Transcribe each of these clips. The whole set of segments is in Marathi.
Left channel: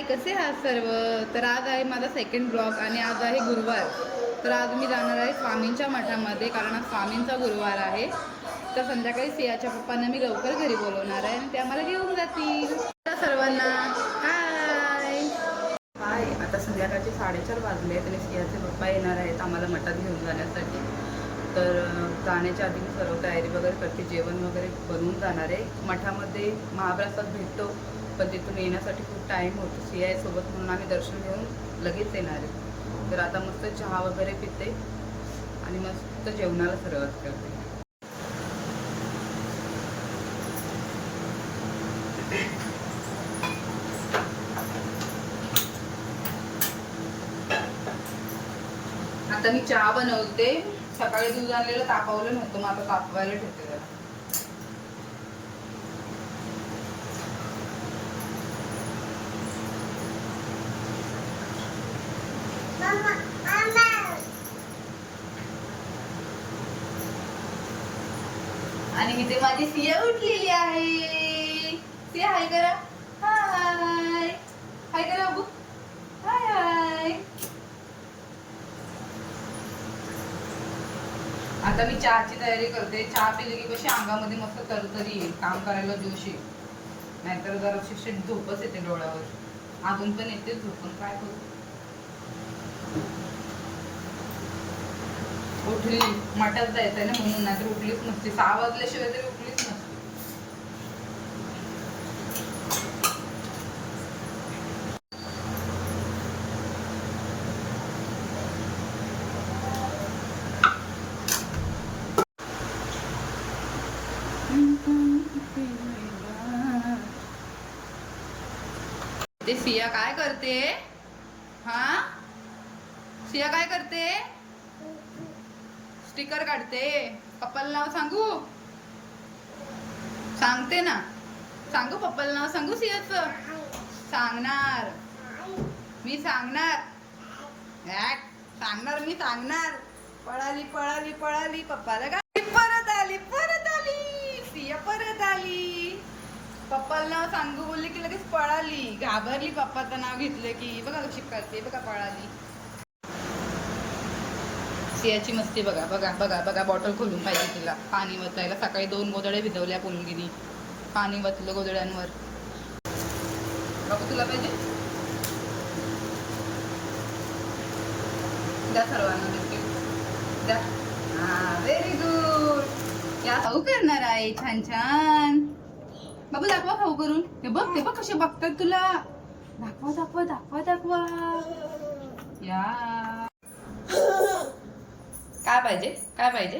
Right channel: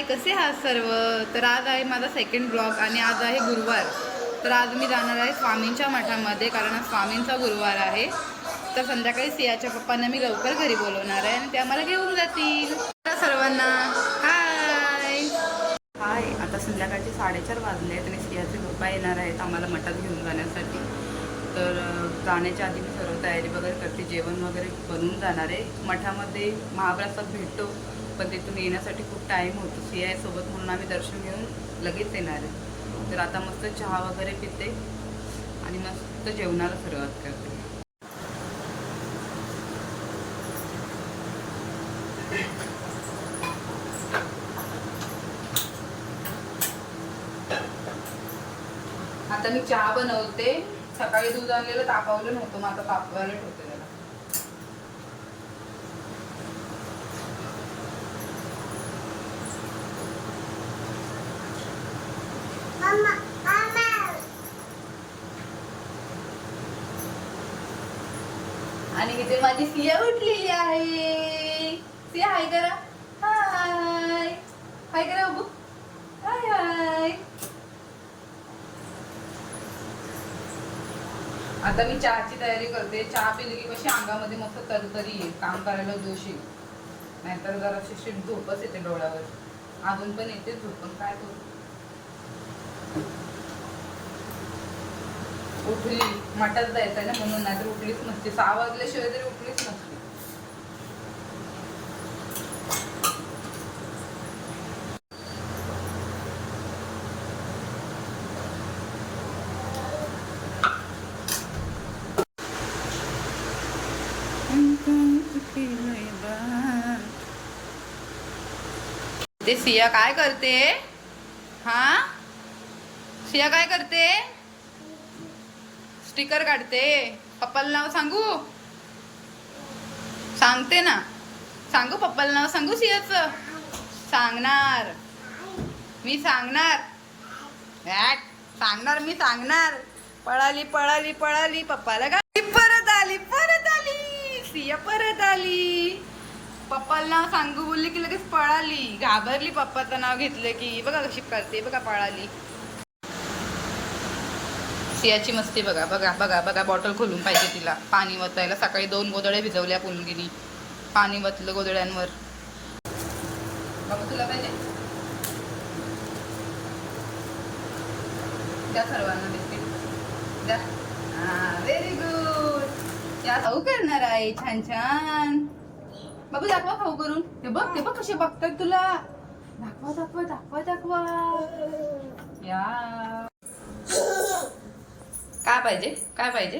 हाय, कसे आहात सर्व? तर आज आहे माझा सेकंड ब्लॉग आणि आज आहे गुरुवार. तर आज मी जाणार आहे स्वामींच्या मठामध्ये, कारण आज स्वामींचा गुरुवार आहे. तर संध्याकाळी सियाच्या पप्पांना मी लवकर घरी बोलवणार आहे आणि ते आम्हाला घेऊन जातील. तर सर्वांना हाय हाय. आता संध्याकाळचे 4:30 वाजले आहेत आणि सियाचे पप्पा येणार आहेत आम्हाला मठात घेऊन जाण्यासाठी. तर जाण्याच्या आधी मी सर्व तयारी वगैरे करते, जेवण वगैरे बनवून जाणार आहे. मठामध्ये महाप्रसाद भेटतो, पण तिथून येण्यासाठी खूप टाईम होतो. सिया सोबत म्हणून आम्ही दर्शन घेऊन लगेच येणार आहे. तर आता मस्त चहा वगैरे पिते आणि मस्त जेवणाला सुरुवात करते. आता मी चहा बनवते. सकाळी दूध आणलेलं तापवलं नव्हतं, मग आता तापवायला ठेवते. आणि इथे माझी सिया उठलेली आहे. सिया हाय करा. हाय हाय करा बाबू. हाय हाय. आता मी चहाची तयारी करते. चहा पिली की कशी अंगामध्ये मस्त तरतरी येईल, काम करायला जोश येईल. नाहीतर जरा शिष्ट झोपच येते डोळ्यावर. अजून पण येते झोप, पण काय करू. उठली, मठात जायचंय ना म्हणून, नाहीतर उठलीच नसते. 6 वाजल्याशिवाय तरी उठलीच नसते. ते सिया काय करते? हा, सिया काय करते? स्टिकर काढते. पप्पाला नाव सांगू? सांगते ना. सांगू पप्पाला नाव सांगू सियाचं? सांगणार मी, सांगणार सांगणार मी, सांगणार. पळाली पळाली पळाली, पप्पाला गाडी. परत आली परत आली, सिया परत आली. पप्पाला नाव सांगू बोलले की लगेच पळाली. घाबरली पप्पाचं नाव घेतलं की. बघा कशी करते, बघा पळाली. सियाची मस्ती बघा बघा बघा बघा. बॉटल खोलून पाहिजे तिला पाणी वतायला. सकाळी 2 गोधड्या भिजवल्या पुलगिनी, पाणी वतलं गोधड्यांवर. बाबू तुला पाहिजे? द्या सर्वांना बिस्किट द्या. हा, व्हेरी गुड. या खाऊ करणार आहे छान छान. बाबू दाखवा खाऊ करून. हे बघ, ते बघ कसे बघतात तुला. दाखवा दाखवा दाखवा दाखवा. या काय पाहिजे? काय पाहिजे?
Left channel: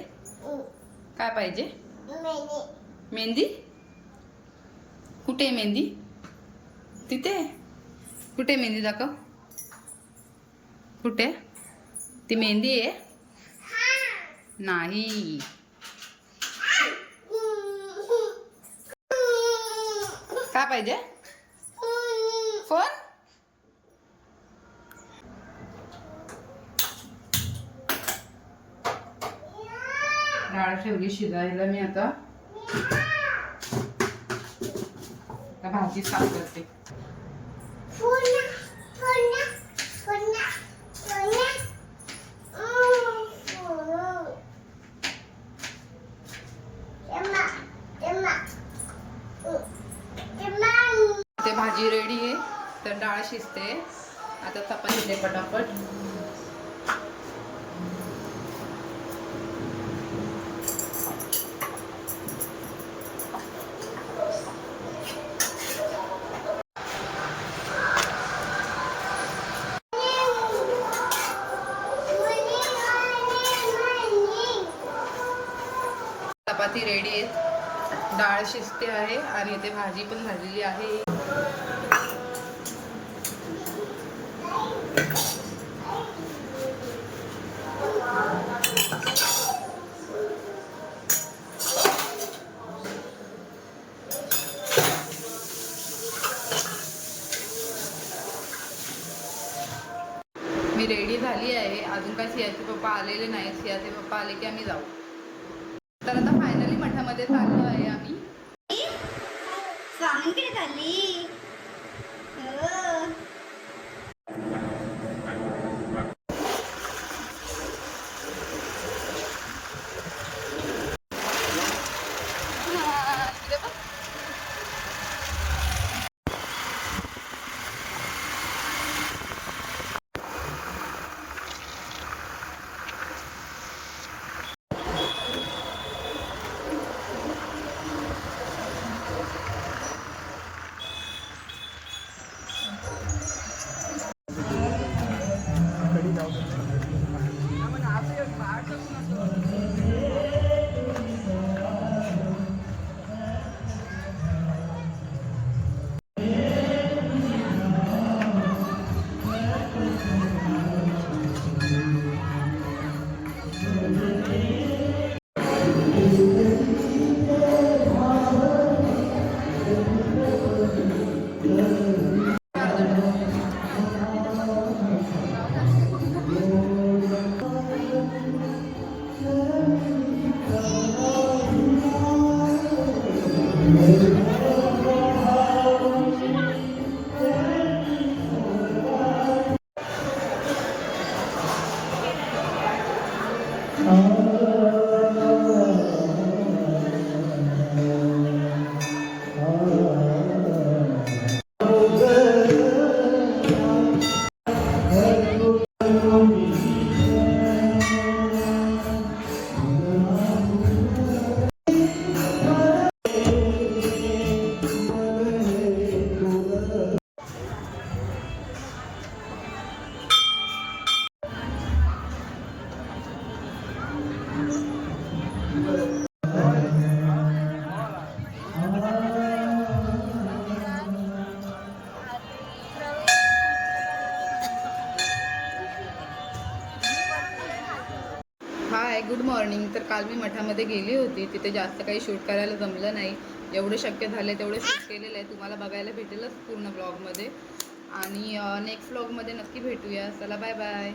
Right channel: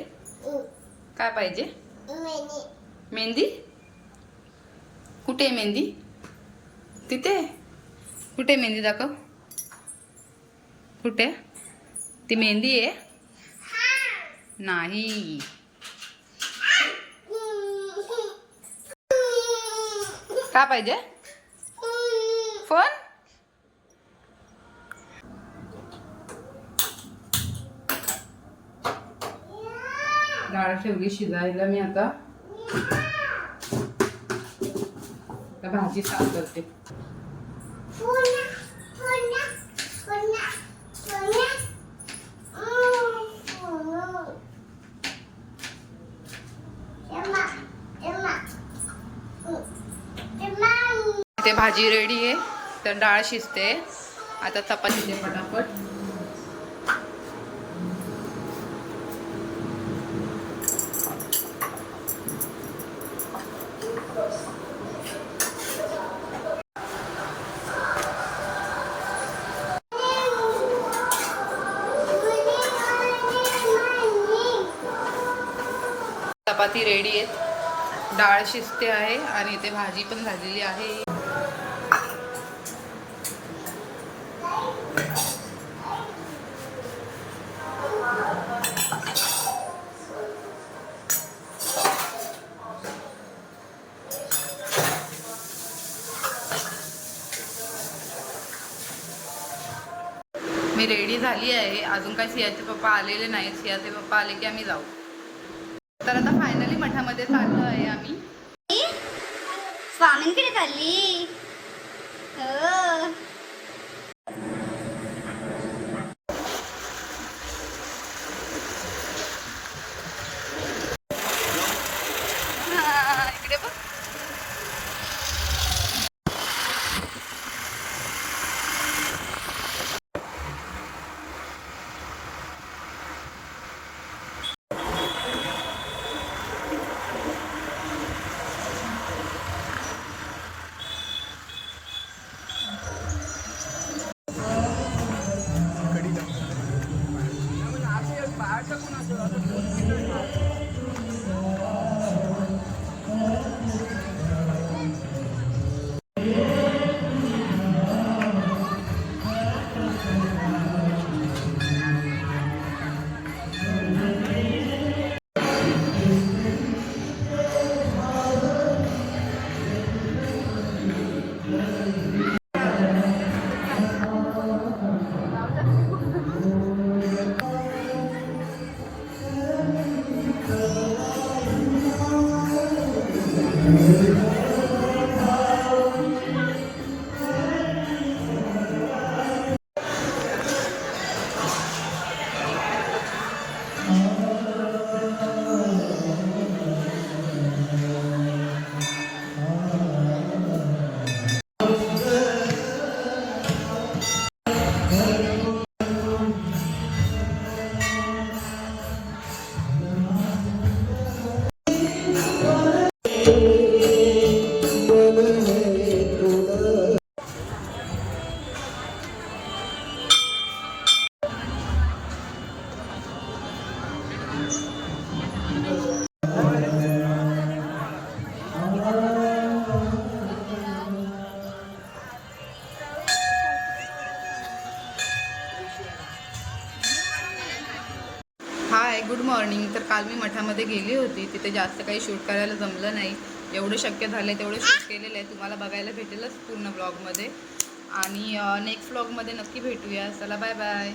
काय पाहिजे? मेहंदी. कुठे आहे मेहंदी? तिथे. कुठे मेहंदी? दाखव. कुठे ती मेहंदी आहे? नाही. काय पाहिजे? फोन. डाळ ठेवली शिजायला मी. आता भाजी साफ करते. ते भाजी रेडी आहे, तर डाळ शिजते. आता चपाती दे पटापट. चपाती रेडी आहेत, डाळ शिजते आहे आणि इथे भाजी पण झालेली आहे. मी रेडी झाली आहे. अजून काही सियाचे पप्पा आलेले नाही. सियाचे पप्पा आले की आम्ही जाऊ. तर आता फायनली मठामध्ये चाललो आहे आम्ही. स्वामींकडे चालली हो. Hi good morning. तर काल मी मठामध्ये गेली होती, तिथे जास्त काही शूट करायला जमलं नाही. जेवढं शक्य झालं तेवढं शूट केलेलं आहे, तुम्हाला बघायला भेटेलच पूर्ण ब्लॉगमध्ये. आणि नेक्स्ट ब्लॉगमध्ये नक्की भेटूया. चला बाय बाय.